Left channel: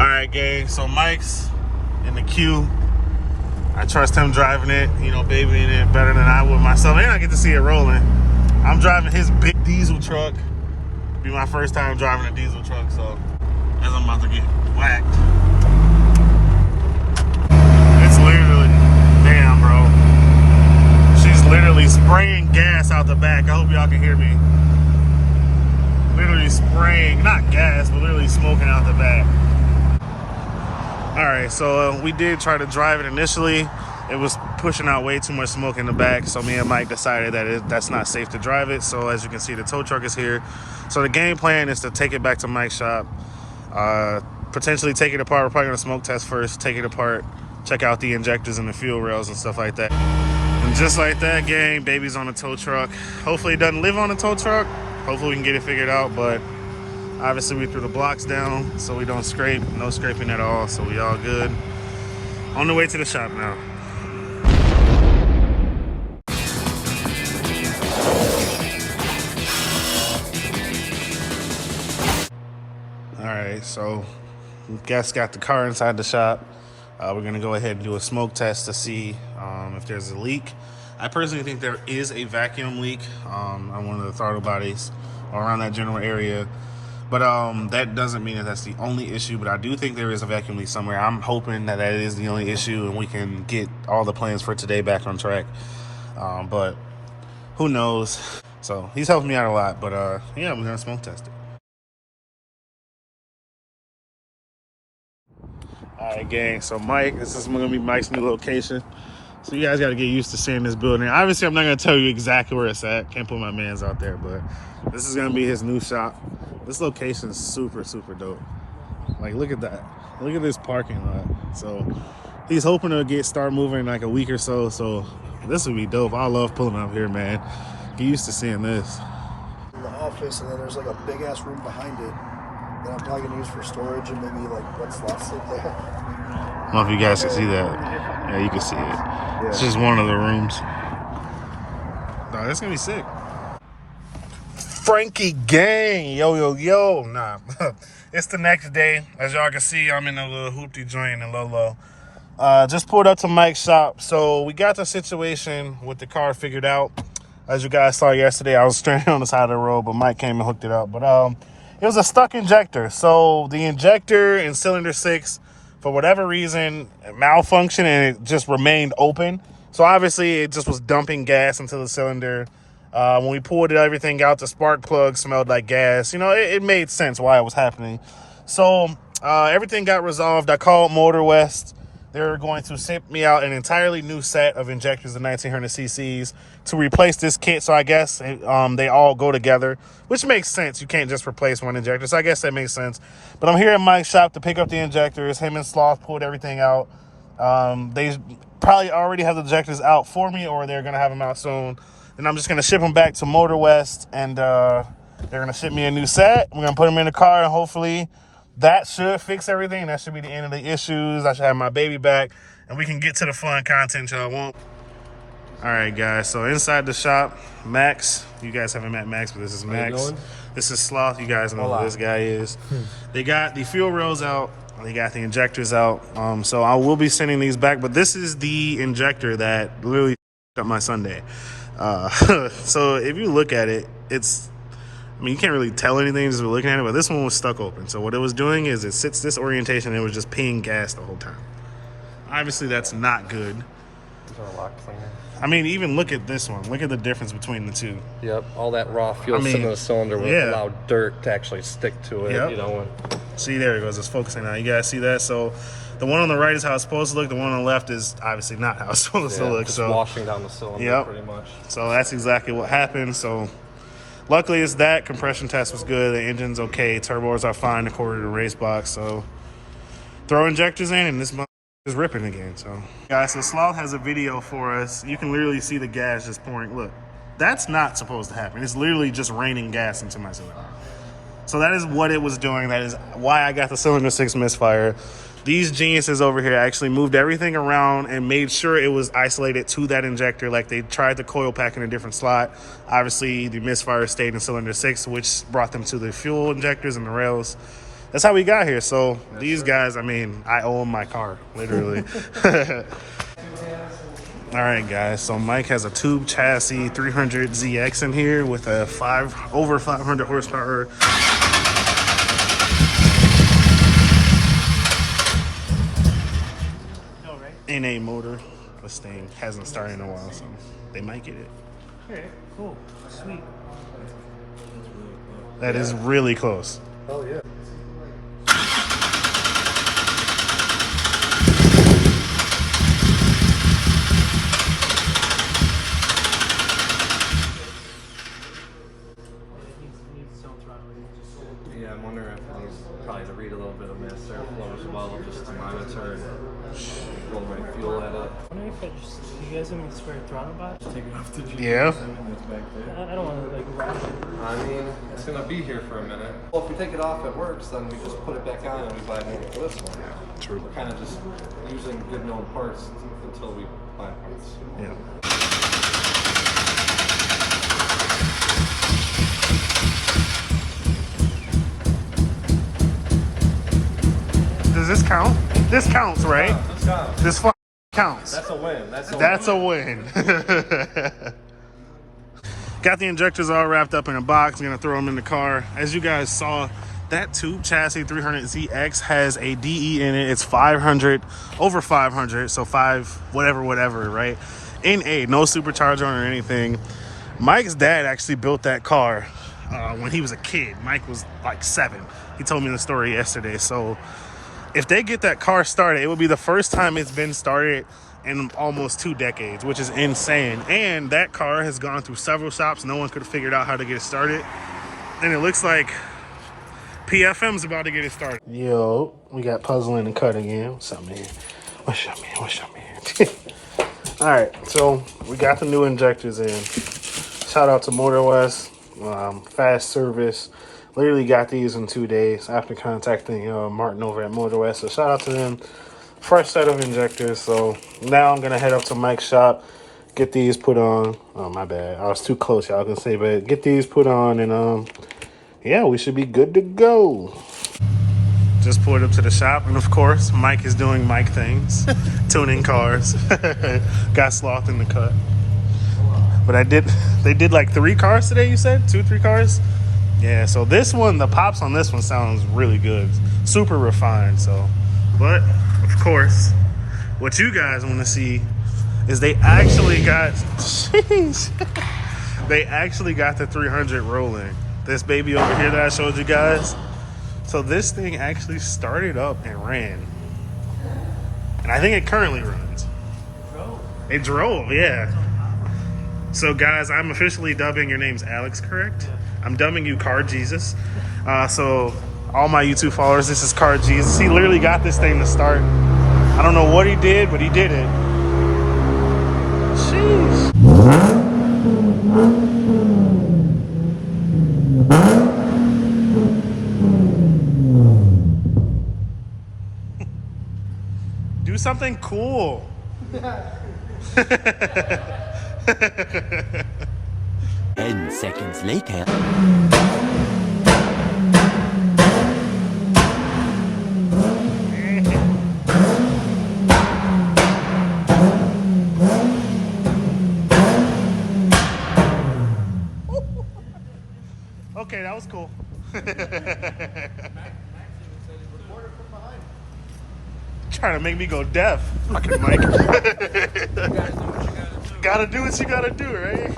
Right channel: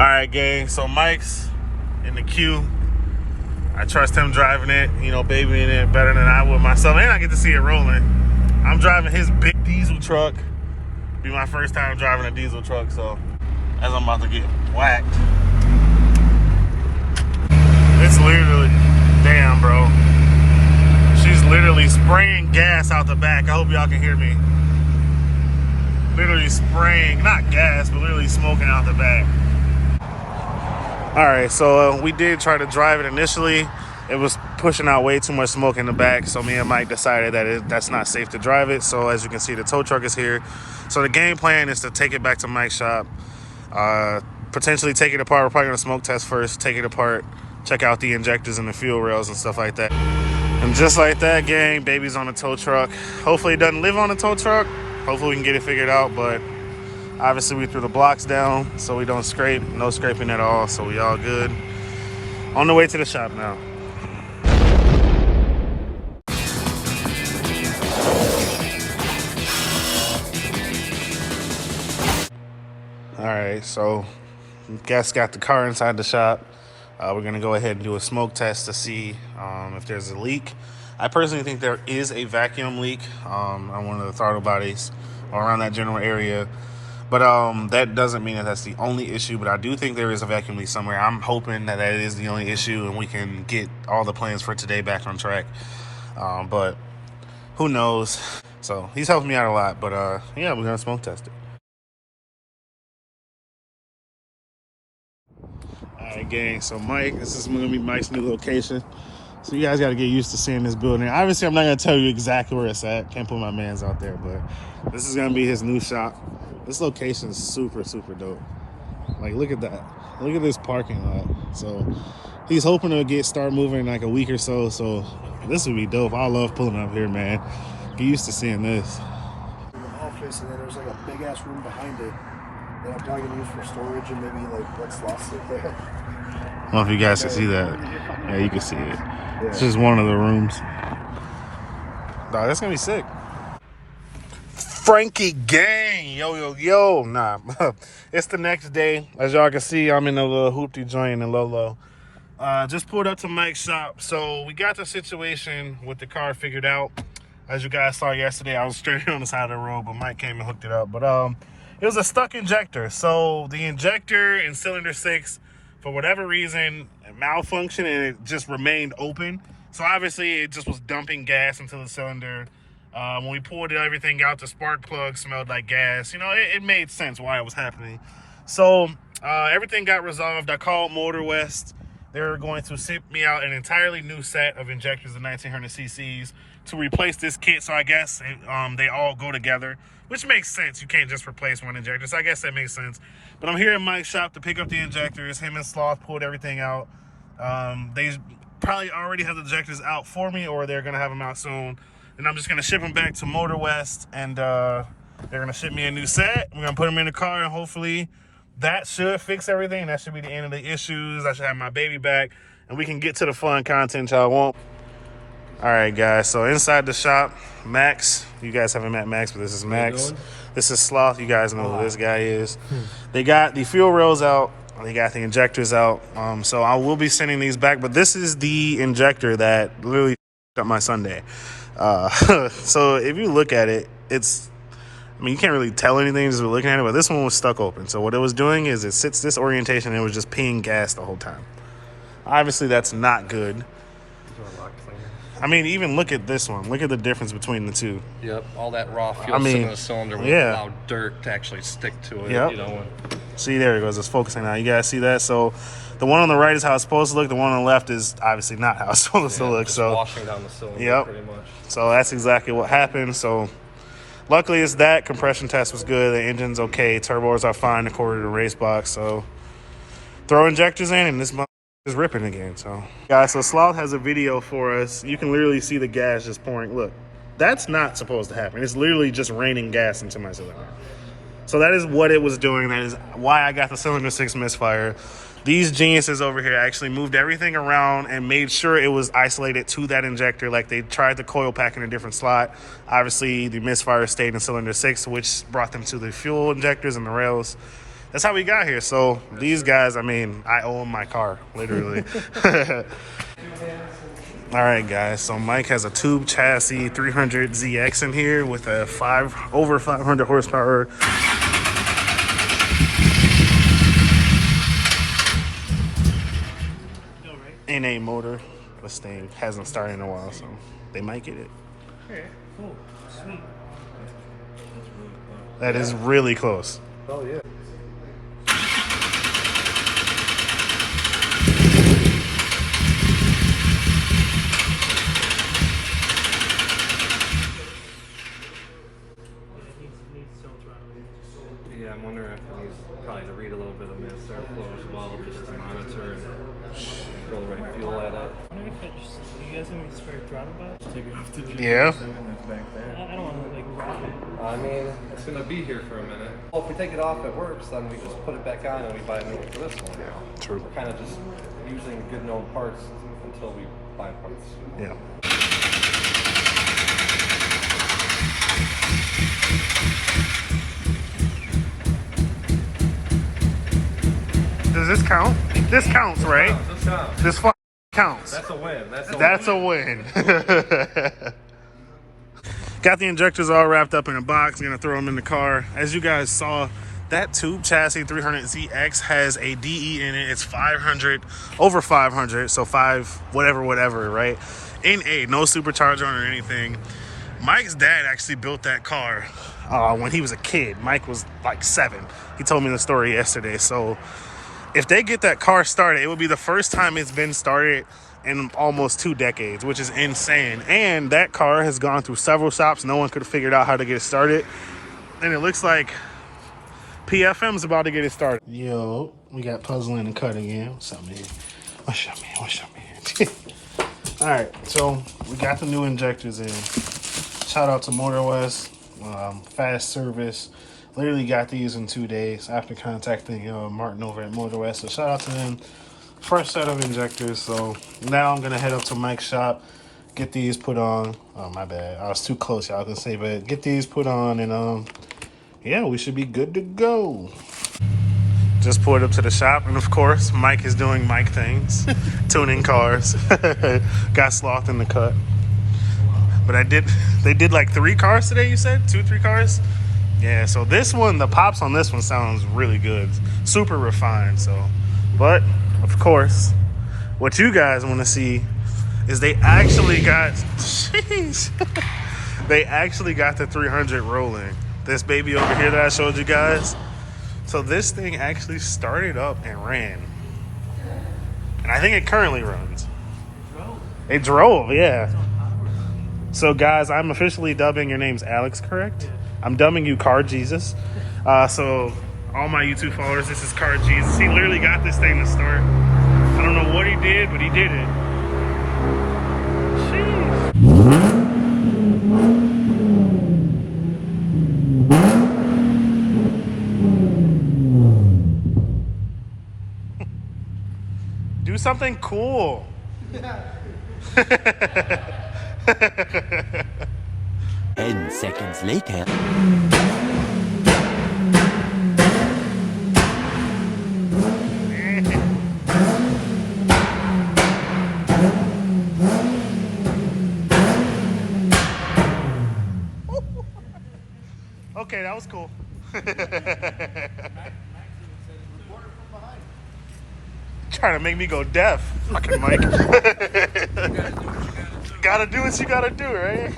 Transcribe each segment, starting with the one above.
Alright, gang, so Mike's in the queue. I trust him driving it, you know, babying it better than I would myself. And I get to see it rolling. I'm driving his big diesel truck. It'll be my first time driving a diesel truck, so as I'm about to get whacked. It's literally, damn, bro. She's literally spraying gas out the back. I hope y'all can hear me. Literally spraying, not gas, but literally smoking out the back. All right, so we did try to drive it initially. It was pushing out way too much smoke in the back, so me and Mike decided that that's not safe to drive it. So as you can see, the tow truck is here. So the game plan is to take it back to Mike's shop, potentially take it apart. We're probably gonna smoke test first, take it apart, check out the injectors and the fuel rails and stuff like that. And just like that, gang, baby's on the tow truck. Hopefully it doesn't live on the tow truck. Hopefully we can get it figured out, but obviously we threw the blocks down so we don't scrape, no scraping at all, so we all good. On the way to the shop now. All right, so guys got the car inside the shop. We're gonna go ahead and do a smoke test to see if there's a leak. I personally think there is a vacuum leak on one of the throttle bodies or around that general area. But that doesn't mean that that's the only issue, but I do think there is a vacuum leak somewhere. I'm hoping that that is the only issue and we can get all the plans for today back on track. But who knows? So he's helping me out a lot, but yeah, we're gonna smoke test it. All right, gang, so Mike, this is gonna be Mike's new location. So you guys gotta get used to seeing this building. Obviously, I'm not gonna tell you exactly where it's at. Can't put my mans out there, but this is gonna be his new shop. This location is super, super dope. Like, look at that. Look at this parking lot. So he's hoping to start moving in like a week or so. So this would be dope. I love pulling up here, man. Get used to seeing this. In the office, and then there's like a big ass room behind it that I'm probably gonna use for storage and maybe like what slots sit there. I don't know if you guys can see that. Yeah, you can see it. Yeah. It's just one of the rooms. Dog, that's gonna be sick. Franky Gang, yo. Nah, it's the next day. As y'all can see, I'm in a little hoopty joint in Lolo. Just pulled up to Mike's shop. So we got the situation with the car figured out. As you guys saw yesterday, I was stranded on the side of the road, but Mike came and hooked it up. But it was a stuck injector. So the injector in cylinder 6, for whatever reason, malfunctioned and it just remained open. So obviously it just was dumping gas into the cylinder. When we pulled everything out, the spark plug smelled like gas. You know, it made sense why it was happening. So everything got resolved. I called Motor West. They were going to ship me out an entirely new set of injectors of 1900 cc's to replace this kit. So I guess they all go together, which makes sense. You can't just replace one injector. So I guess that makes sense. But I'm here in Mike's shop to pick up the injectors. Him and Sloth pulled everything out. They probably already have the injectors out for me, or they're going to have them out soon. And I'm just going to ship them back to Motor West, and they're going to ship me a new set. We're going to put them in the car, and hopefully that should fix everything. That should be the end of the issues. I should have my baby back, and we can get to the fun content y'all want. All right, guys, so inside the shop, Max. You guys haven't met Max, but this is Max. This is Sloth. You guys know who this guy is. They got the fuel rails out. They got the injectors out. So I will be sending these back, but this is the injector that literally up my Sunday. So if you look at it, I mean, you can't really tell anything just looking at it, but this one was stuck open. So what it was doing is it sits this orientation and it was just peeing gas the whole time. Obviously, that's not good. I mean, even look at this one. Look at the difference between the two. Yep, all that raw fuel in the cylinder will allow dirt to actually stick to it. Yep. You know. See, there it goes. It's focusing now. You guys see that? So the one on the right is how it's supposed to look. The one on the left is obviously not how it's supposed to look. So washing down the cylinder pretty much. So that's exactly what happened. So luckily it's that. Compression test was good. The engine's okay. Turbos are fine according to the race box. So throw injectors in and this is ripping again. So guys, so Sloth has a video for us. You can literally see the gas just pouring. Look, that's not supposed to happen. It's literally just raining gas into my cylinder. So that is what it was doing. That is why I got the cylinder 6 misfire. These geniuses over here actually moved everything around and made sure it was isolated to that injector. Like, they tried the coil pack in a different slot. Obviously the misfire stayed in cylinder 6, which brought them to the fuel injectors and the rails. that's how we got here. So these guys, I mean, I owe them my car, literally. All right, guys. So Mike has a tube chassis 300ZX in here with a over 500 horsepower. NA motor. This thing hasn't started in a while, so they might get it. Okay, cool, sweet. That is really close. Oh yeah. Yeah, I'm wondering if it needs probably to read a little bit of mist airflow as well, just to monitor and pull the right fuel at it. I wonder if you guys have any spare throttle box? Take it off the G. Yeah. I don't want to like wrap it. I mean, it's gonna be here for a minute. Well, if we take it off, it works. Then we just put it back on and we buy a new one for this one. Yeah, true. We're kind of just using good known parts until we buy parts. Yeah. Does this count? This counts, right? This counts. This counts. That's a win. That's a win. Got the injectors all wrapped up in a box. I'm gonna throw them in the car. As you guys saw, that tube chassis 300ZX has a DE in it. It's 500, over 500, so 5 whatever, right? NA, no supercharger or anything. Mike's dad actually built that car when he was a kid. Mike was like 7. He told me the story yesterday. So if they get that car started, it will be the first time it's been started in almost 2 decades, which is insane. And that car has gone through several shops. No one could have figured out how to get it started. And it looks like PFM's about to get it started. Yo, we got puzzling and cut again. What's up, man? What's up, man? All right, so we got the new injectors in. Shout out to Motor West, fast service. Literally got these in 2 days after contacting Martin over at Motor West. So shout out to them. Fresh set of injectors. So now I'm gonna head up to Mike's shop, get these put on. Oh, my bad. I was too close, y'all can say, but get these put on, and yeah, we should be good to go. Just pulled up to the shop, and of course, Mike is doing Mike things, tuning cars. Got slothed in the cut. But they did like 3 cars today, you said? 2, 3 cars? Yeah, so this one, the pops on this one sounds really good. Super refined, so. But, of course, what you guys want to see is they actually got, they actually got the 300 rolling. This baby over here that I showed you guys. So this thing actually started up and ran. And I think it currently runs. It drove, yeah. So guys, I'm officially dubbing, your name's Alex, correct? Yeah. I'm dubbing you Car Jesus. So all my YouTube followers, this is Car Jesus. He literally got this thing to start. I don't know what he did, but he did it. Sheesh. Do something cool. 10 seconds later. Okay, that was cool. Trying to make me go deaf, fucking Mike. Gotta do what you gotta do, right?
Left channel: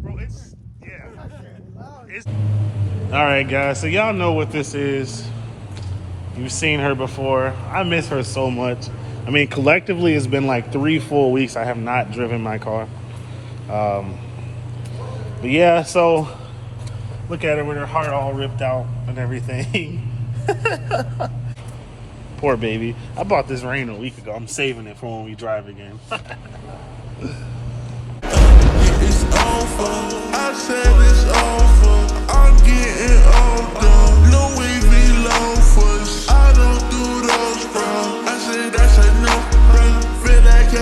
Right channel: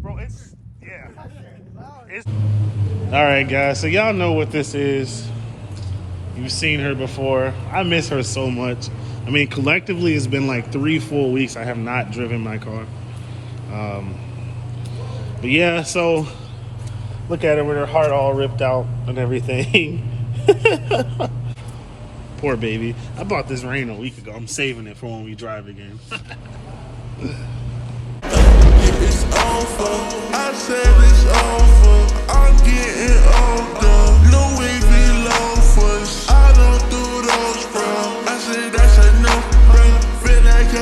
Bro, all right, guys, so y'all know what this is. You've seen her before. I miss her so much. I mean, collectively, it's been like 3 full weeks I have not driven my car. But yeah, so look at her with her heart all ripped out and everything. Poor baby. I bought this Rain a week ago. I'm saving it for when we drive again. It's over. I said it's over. I'm getting older. Louis V loafers. I don't do those, bro.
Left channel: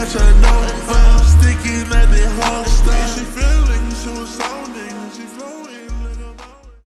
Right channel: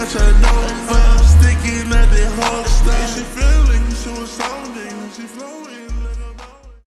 got your know. I'm sticking at the whole style. She feeling suicidal.